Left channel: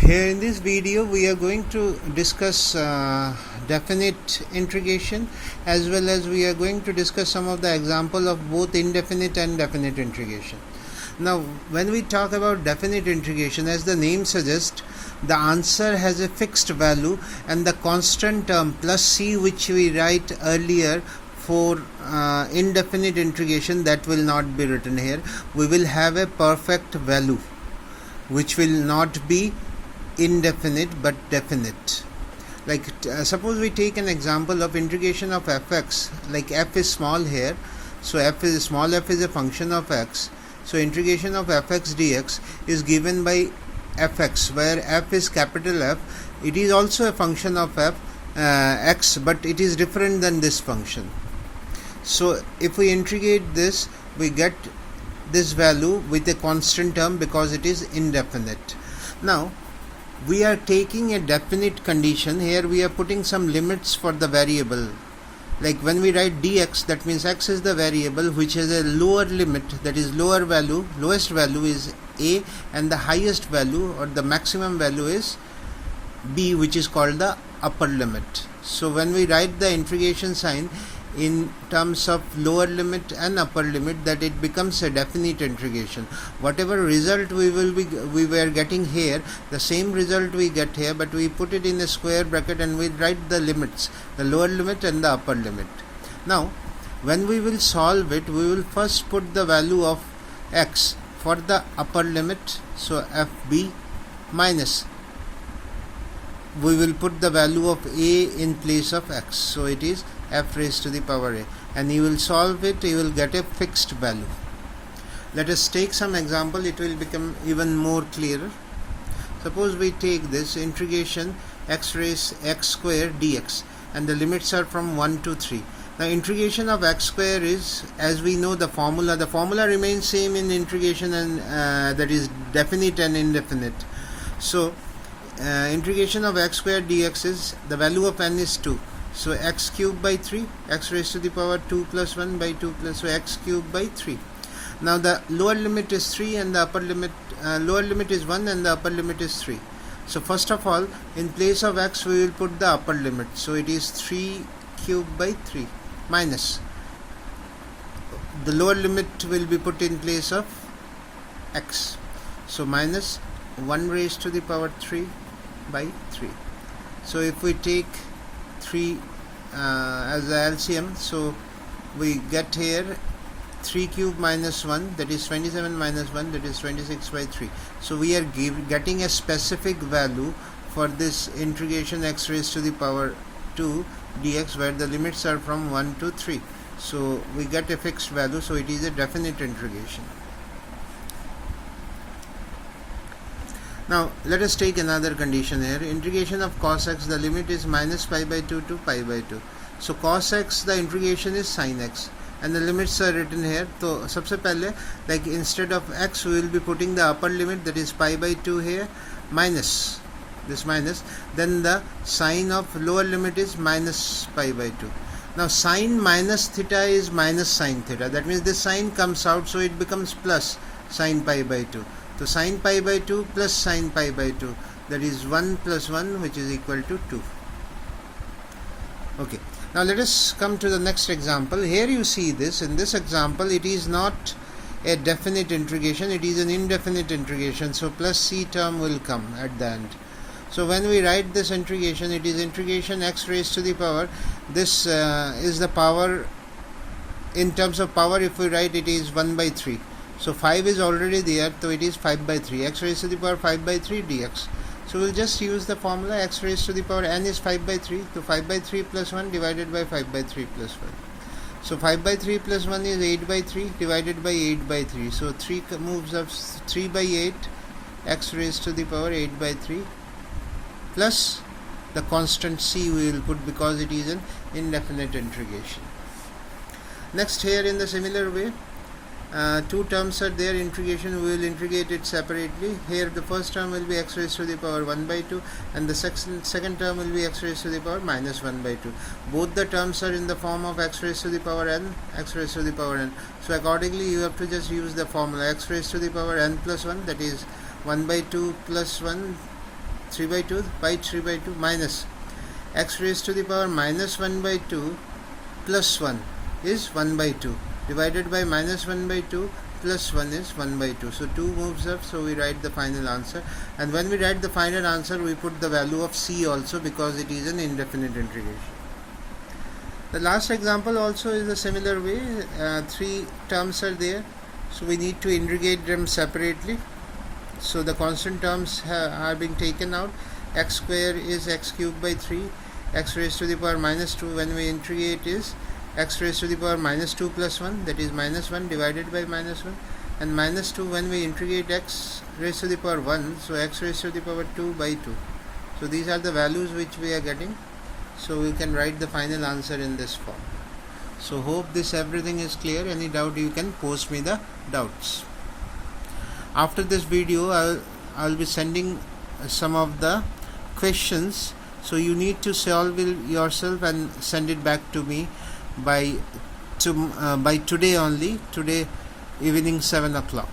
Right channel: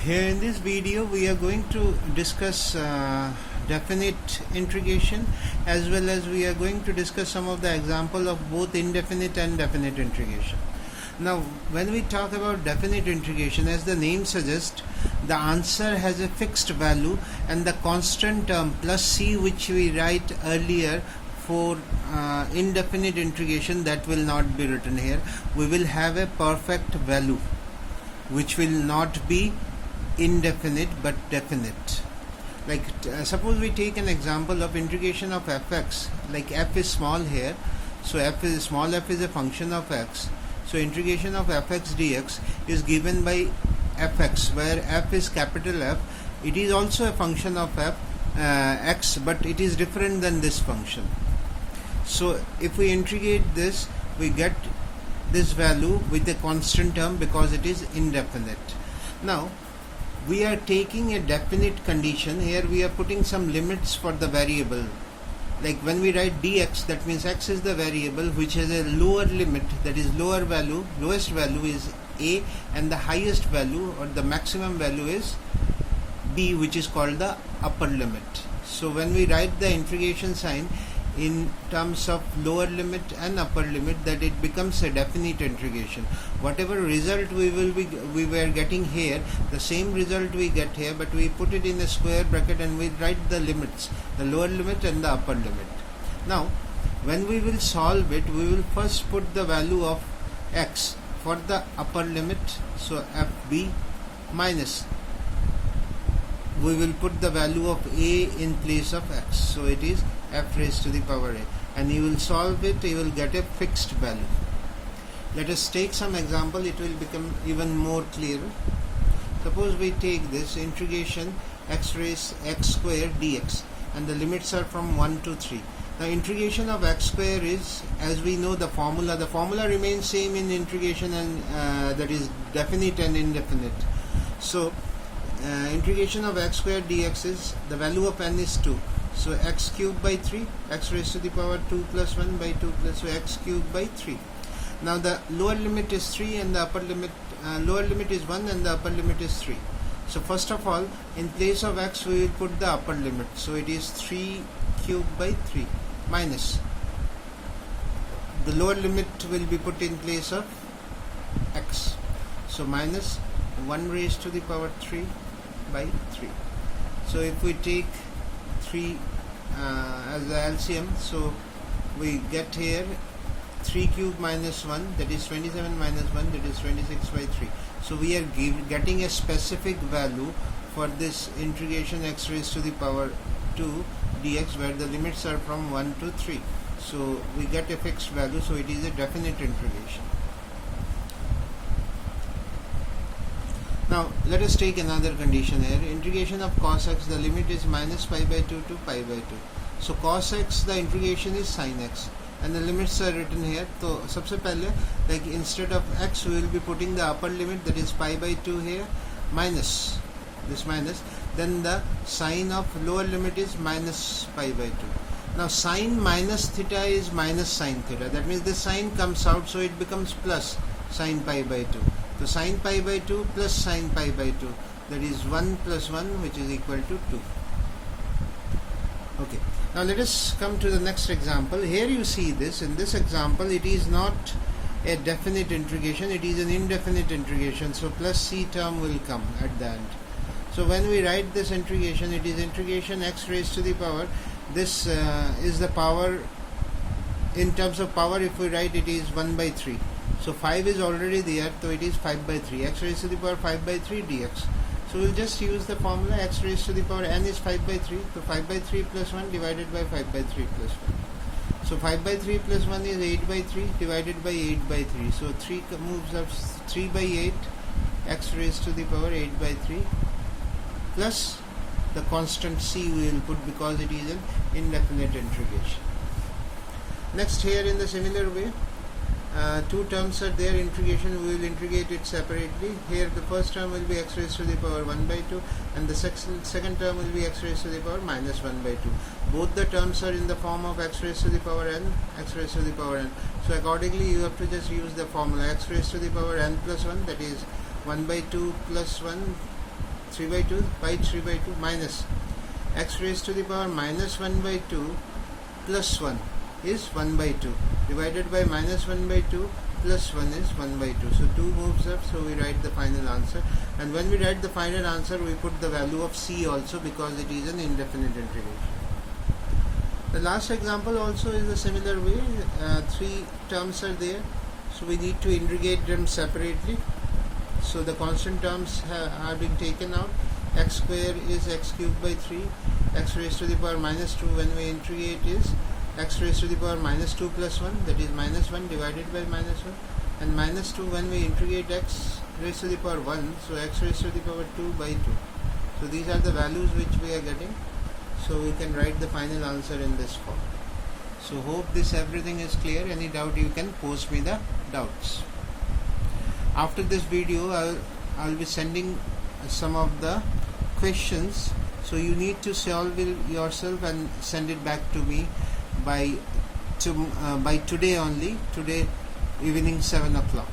Here in this video we are going to discuss definite integration, as well as we are going to discuss some of the example of both indefinite and definite integration. Now when we talk about definite integration, as the name suggests, the answer has a fixed value and the constant term plus c, which we write earlier for indefinite integration, that will not be written here. We will have a perfect value which will not be indefinite but definite. Like suppose we take an example of integration of fx, like f is small here, so small f is a function of x, so integration of fx dx is given by fx, where f is capital F. It is also a function of x, but it is different than this function. So if we integrate this, we get this value with a constant term because it is indefinite. Now we are taking a definite condition. Here we are putting some limits for the variable. Like when we write dx, that means x is the variable which has a lower limit, that is lower value, lowest value is a, and the highest value or the maximum value is b, which is called the upper limit. So when we write the integration sign in terms of lower limit and upper limit, that it becomes a definite integration. Whatever result we were getting here, the same result we get here, but we put it in a square bracket and we write the limits, the lower limit and the upper limit. Now when we will solve it, we will first put the value of x for the upper limit, so fb minus, we will put the value of a in place of x, so it is f raised to the power a, and you will solve it, you will get a fixed value. Let us take some example, it will become even more clearer. Suppose we take this integration x raised x square dx, and the limits are from 1 to 3. The integration of x square is, as we know, the formula remains same in integration, and that is definite and indefinite. So integration of x square dx is, the value of n is 2, so x cubed by 3, x raised to the power 2 plus 1 by 2 plus, so x cubed by 3. Now the lower limit is 3 and the upper limit, lower limit is 1 and the upper limit is 3. So first of all, in place of x we will put the upper limit, so it is 3 cubed by 3 minus, the lower limit will be put in place of x, so minus 1 raised to the power 3 by 3. So if we take 3 as the LCM, so we get here 3 cube minus 1, that is 27 minus 1, that is 26 by 3. So we are getting a specific value for this integration x raised to the power 2 dx, where the limits are from 1 to 3. So we get a fixed value, so it is a definite integration. Now let us take another condition here. Integration of cos x, the limit is minus pi by 2 to pi by 2. So cos x, the integration is sin x, and the limits are written here. So सबसे पहले, like instead of x we will be putting the upper limit, that is pi by 2 here, minus this minus, then the sign of lower limit is minus pi by 2. Now sin minus theta is minus sin theta, that means this sign comes out, so it becomes plus sin pi by 2. So sin pi by 2 plus sin pi by 2, that is 1 plus 1, which is equal to 2. Okay, now let us come to the next example. Here you see this, in this example it is not a definite integration, it is an indefinite integration, so plus c term will come at the end. So when we write this integration, it is integration x raised to the power, this is the power, in terms of power if we write, it is 1 by 3. So 5 is already there, so it is 5 by 3, x raised to the power 5 by 3 dx. So we'll just use the formula, x raised to the power n is 5 by 3, so 5 by 3 plus 1 divided by 5 by 3 plus 5. So 5 by 3 plus 1 is 8 by 3 divided by 8 by 3. So 3 moves up 3 by 8, x raised to the power 8 by 3 plus the constant c we will put because it is an indefinite integration. Next, here in the similar way, two terms are there, integration, we will integrate it separately. Here the first term will be x raised to the power 1 by 2 and the second term will be x raised to the power minus 1 by 2. Both the terms are in the form of x raised to the power n, x raised to the power n. So accordingly you have to just use the formula x raised to the power n plus 1, that is 1 by 2 plus 1 3 by 2 by 3 by 2 minus x raised to the power minus 1 by 2 plus 1 is 1 by 2 divided by minus 1 by 2 plus 1 is 1 by 2. So 2 moves up, so we write the final answer, and when we write the final answer we put the value of c also because it is an indefinite integration. The last example also is a similar way. 3 terms are there, so we need to integrate them separately. So the constant terms are being taken out. X square is x cubed by 3, x raised to the power minus 2 when we integrate is x raised to the power minus 2 plus 1, that is minus 1 divided by minus 1, and minus 2 when we integrate x raised to the power 1, so x raised to the power 2 by 2. So these are the values which we are getting, so we can write the final answer in this form. So hope this everything is clear. Any doubt you can post me the doubts. After this video I'll be sending some of the questions, so you need to solve it yourself and send it back to me by today only, today evening 7 o'clock.